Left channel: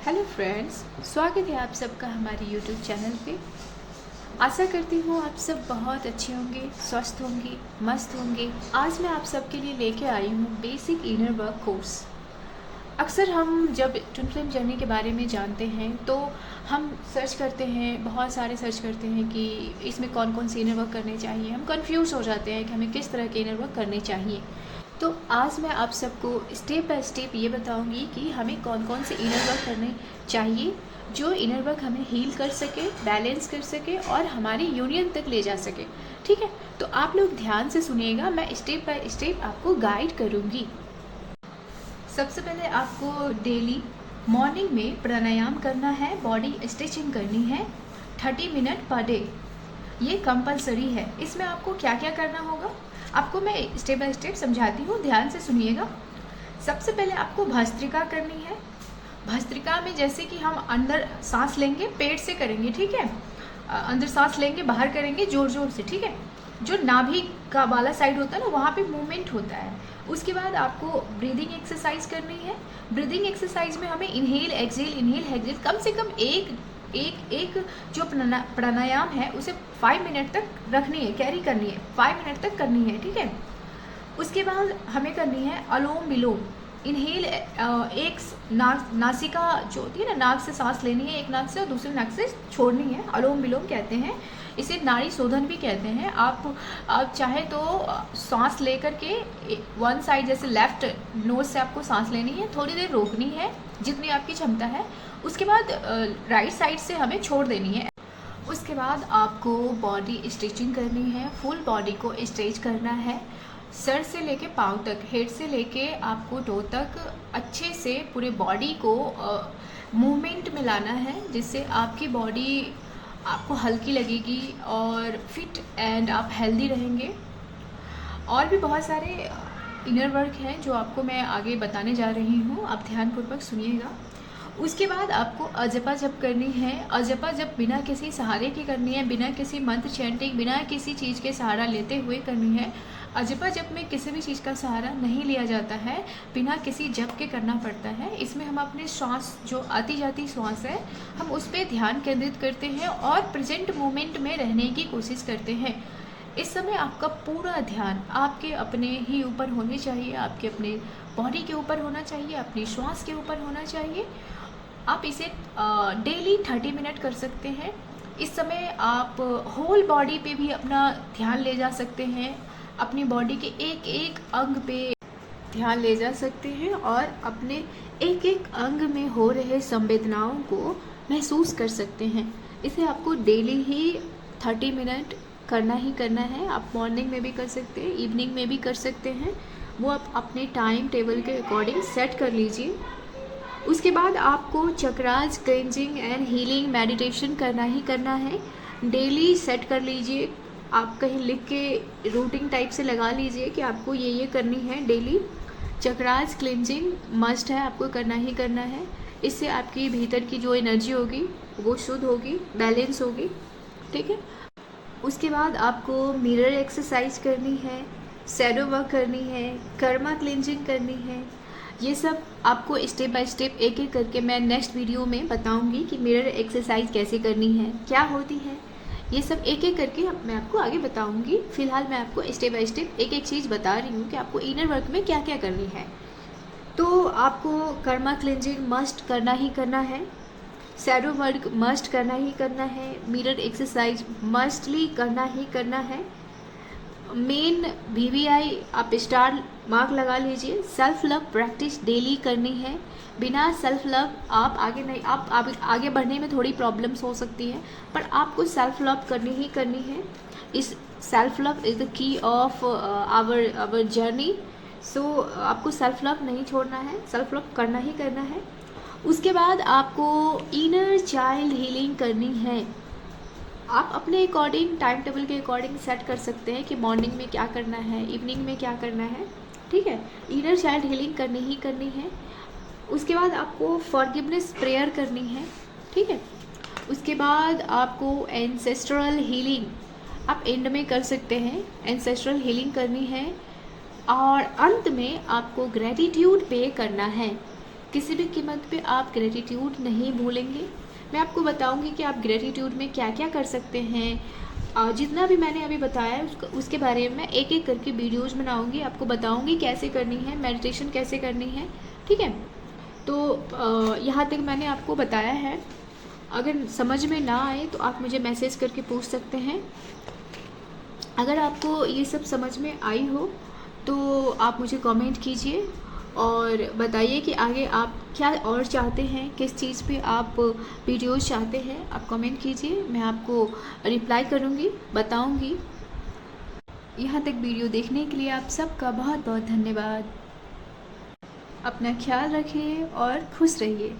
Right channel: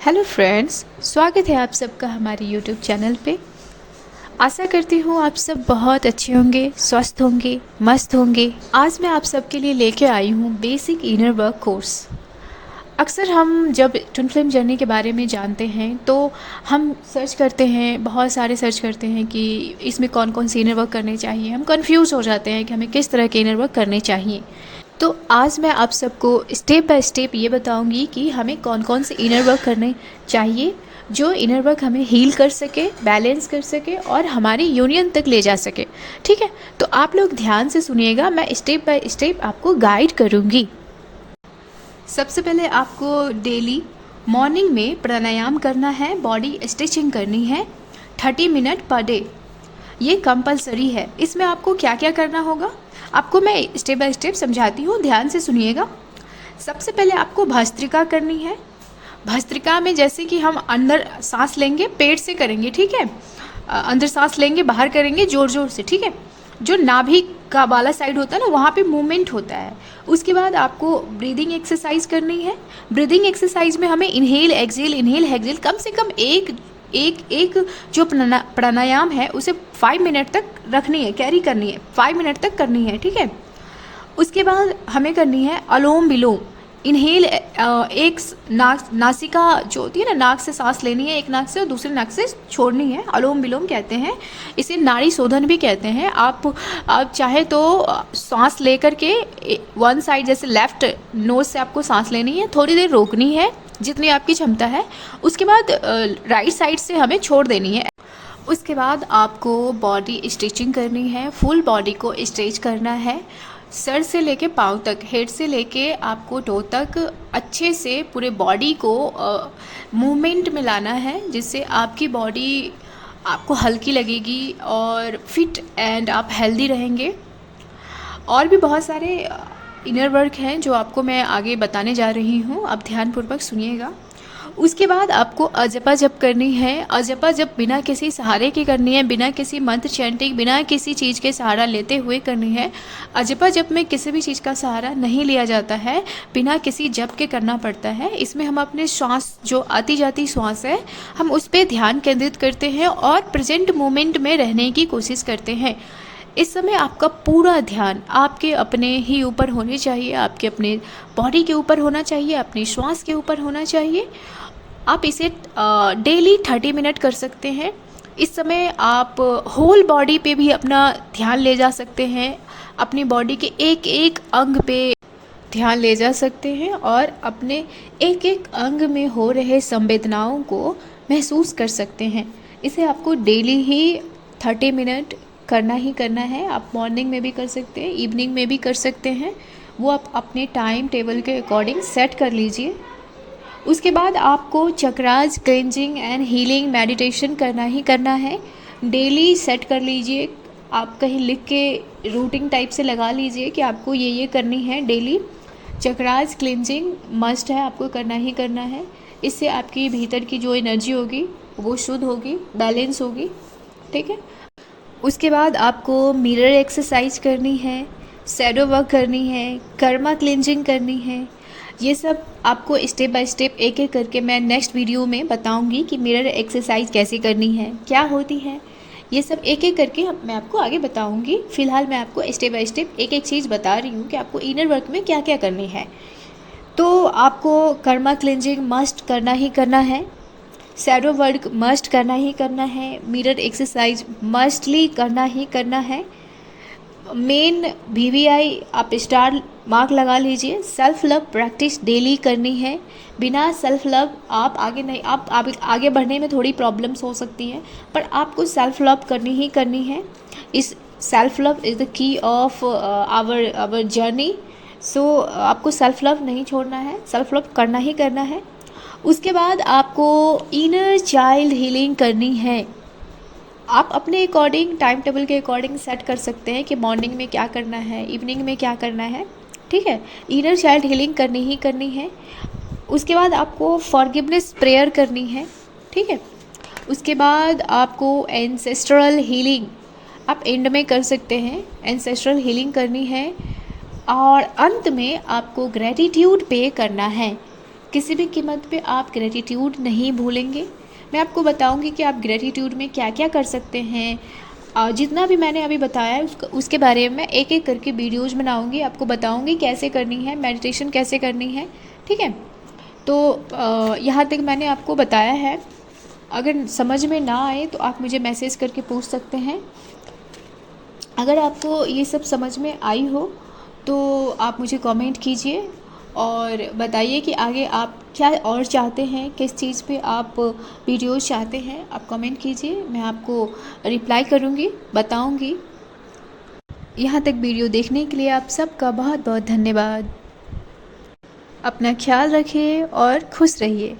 Hello friends, स्वागत है आप सबका हमारे यूट्यूब चैनल पे। आशा करती हूँ आप सब बहुत अच्छे होंगे, स्वस्थ होंगे, मस्त होंगे। आज मैं आप सबके लिए लेके आई हूँ बेसिक इनर वर्क कोर्स। अक्सर हम जब ट्विन फ्लेम जर्नी के बारे में जानते हैं तो हम सर्च करते हैं, बहुत सारे सर्च करते हैं कि इसमें कौन कौन से इनर वर्क करने चाहिए। हम कंफ्यूज हो जाते हैं कि हमें किस तरह के इनर वर्क करने चाहिए। तो आज मैं आप सबको स्टेप बाय स्टेप ये बताऊंगी कि हमें कौन कौन से इनर वर्क करने चाहिए जो इनर वर्क हमें हील कर सके, बैलेंस कर सके और हमारी यूनियन तक ले जा सके। ठीक है, तो आप लोग ध्यान से सुनिएगा, मैं स्टेप बाय स्टेप आपको गाइड करूँगी। सबसे पहले आपको डेली मॉर्निंग में प्राणायाम करना है, बॉडी स्ट्रेचिंग करनी है 30 मिनट पर डे। ये कंपलसरी है। इसमें आपको क्या क्या करना होगा आपको मैं स्टेप बाय स्टेप समझाती हूँ, ध्यान से सुनिएगा। सबसे पहले आपको भस्त्रिका करनी है। भस्त्रिका में जैसे कि हम अंदर सांस लेंगे, पेट से करेंगे, ठीक है। अंदर सांस लेंगे, बाहर करेंगे जोर जोर से, ठीक है। जो नाभि का वाला साइड होता है ना, वहाँ पे मूवमेंट होता है। उसके बाद आपको ब्रीदिंग एक्सरसाइज करनी है। ब्रीदिंग एक्सरसाइज में हमें इनहेल एक्सहेल कम से कम एक जो प्राणायाम है उसे 5 मिनट तक रखनी है, कैरी करनी है, 5 मिनट तक करनी है, ठीक है। उसके बाद हमें करनी है अलोम विलोम। इनहेल एक नासिका जो होती है ना, नाक से सांस लेनी है एक नाक से और दूसरे नाक से छोड़नी है, अलोम विलोम कहते हैं। इसे नाड़ी शोधन भी कहते हैं। आप चाहे तो सांस लेकर के वन साइड जैसे लेफ्ट नोज से आपको सांस लेनी है, थोड़ी देर रोकनी है जितनी आपकी क्षमता है। उसके बाद राइट साइड से हमें छोड़ देनी है। उसके बाद आपको बॉडी स्ट्रेचिंग करनी है, फुल बॉडी को स्ट्रेच करना है, सर से लेके पाँव तक, हेड से लेके आपको टो तक अच्छे से पूरे बॉडी को मूवमेंट में लाना है, जिससे आपकी बॉडी आपको हल्की लगेगी और फिट एंड आप हेल्दी रहेंगे। और भी बहुत सारे इनर वर्क हैं जो आपको मैं आगे बताने जा रही हूँ, आप ध्यानपूर्वक सुनिएगा। उसके बाद आपको अजपा जप करनी है। अजपा जप बिना किसी सहारे की करनी है, बिना किसी मंत्र चैंटिंग, बिना किसी चीज़ के सहारा लेते हुए करनी है। अजपा जप में किसी भी चीज़ का सहारा नहीं लिया जाता है, बिना किसी जप के करना पड़ता है। इसमें हम अपने श्वास, जो आती जाती श्वास है, हम उस पर ध्यान केंद्रित करते हैं और प्रेजेंट मोमेंट में रहने की कोशिश करते हैं। इस समय आपका पूरा ध्यान आपके अपने ही ऊपर होने चाहिए, आपके अपने बॉडी के ऊपर होना चाहिए, अपनी श्वास के ऊपर होना चाहिए। आप इसे डेली 30 मिनट कर सकते हैं। इस समय आप होल बॉडी पे भी अपना ध्यान ले जा सकते हैं, अपनी बॉडी के एक एक अंग पे ध्यान ले जा सकते हैं और अपने एक एक अंग में हो रहे संवेदनाओं को महसूस कर सकते हैं। इसे आपको डेली ही 30 मिनट करना ही करना है। आप मॉर्निंग में भी कर सकते हैं, इवनिंग में भी कर सकते हैं, वो आप अपने टाइम टेबल के अकॉर्डिंग सेट कर लीजिए। उसके बाद आपको chakras cleansing and healing meditation करना ही करना है। डेली सेट कर लीजिए, आप कहीं लिख के रूटीन टाइप से लगा लीजिए कि आपको ये करनी है डेली। चक्रास क्लेंजिंग मस्ट है, आपको करना ही करना है। इससे आपकी भीतर की जो एनर्जी होगी वो शुद्ध होगी, बैलेंस होगी, ठीक है। उसके बाद आपको मिरर एक्सरसाइज करनी है, शैडो वर्क करनी है, कर्मा क्लेंजिंग करनी है। ये सब आपको स्टेप बाय स्टेप एक एक करके मैं नेक्स्ट वीडियो में बताऊंगी कि मिरर एक्सरसाइज कैसे करनी है, क्या होती है। ये सब एक एक करके मैं आपको आगे बताऊंगी। फिलहाल मैं आपको स्टेप बाय स्टेप एक एक चीज़ बता रही हूँ कि आपको इनर वर्क में क्या क्या करनी है। तो आपको कर्मा क्लेंजिंग मस्ट करना ही करना है, शैडो वर्क मस्ट करना ही करना है, मिरर एक्सरसाइज मस्टली करना ही करना है। मेन VVI आप स्टार मार्क लगा लीजिए। सेल्फ लव प्रैक्टिस डेली करनी है। बिना सेल्फ लव आप आगे नहीं, आप आगे बढ़ने में थोड़ी प्रॉब्लम्स हो सकती हैं, पर आपको सेल्फ लव करनी ही करनी है। इस self love is the key of our journey. So आपको सेल्फ लव नहीं छोड़ना है, सेल्फ लव करना ही करना है। उसके बाद आपको इनर चाइल्ड हीलिंग करनी है। आप अपने अकॉर्डिंग, टाइम टेबल के अकॉर्डिंग सेट कर सकते हैं कि मॉर्निंग में क्या करना है, इवनिंग में क्या करना है, ठीक है। इनर चाइल्ड हीलिंग करनी ही करनी है। उसके बाद आपको फॉरगिवनेस प्रेयर करनी है, ठीक है। उसके बाद आपको एंसेस्ट्रल हीलिंग आप एंड में कर सकते हैं, एंसेस्ट्रल हीलिंग करनी है। और अंत में आपको ग्रैटिट्यूड पे करना है। किसी भी कीमत पे आप ग्रेटिट्यूड नहीं भूलेंगे। मैं आपको बताऊंगी कि आप ग्रेटिट्यूड में क्या क्या कर सकते हैं। जितना भी मैंने अभी बताया है उसके बारे में एक एक करके वीडियोज़ बनाऊंगी, आपको बताऊंगी कैसे करनी है, मेडिटेशन कैसे करनी है। ठीक है, तो यहाँ तक मैंने आपको बताया है। अगर समझ में ना आए तो आप मुझे मैसेज करके पूछ सकते हैं। अगर आपको ये सब समझ में आई हो तो आप मुझे कमेंट कीजिए और बताइए कि आगे आप क्या और चाहते हैं, किस चीज़ पे आप वीडियोस चाहते हैं। आप कमेंट कीजिए, मैं आपको रिप्लाई करूँगी, बताऊँगी। यहाँ तक वीडियो देखने के लिए आप सबका बहुत बहुत धन्यवाद। अपना ख्याल रखिए और खुश रहिए।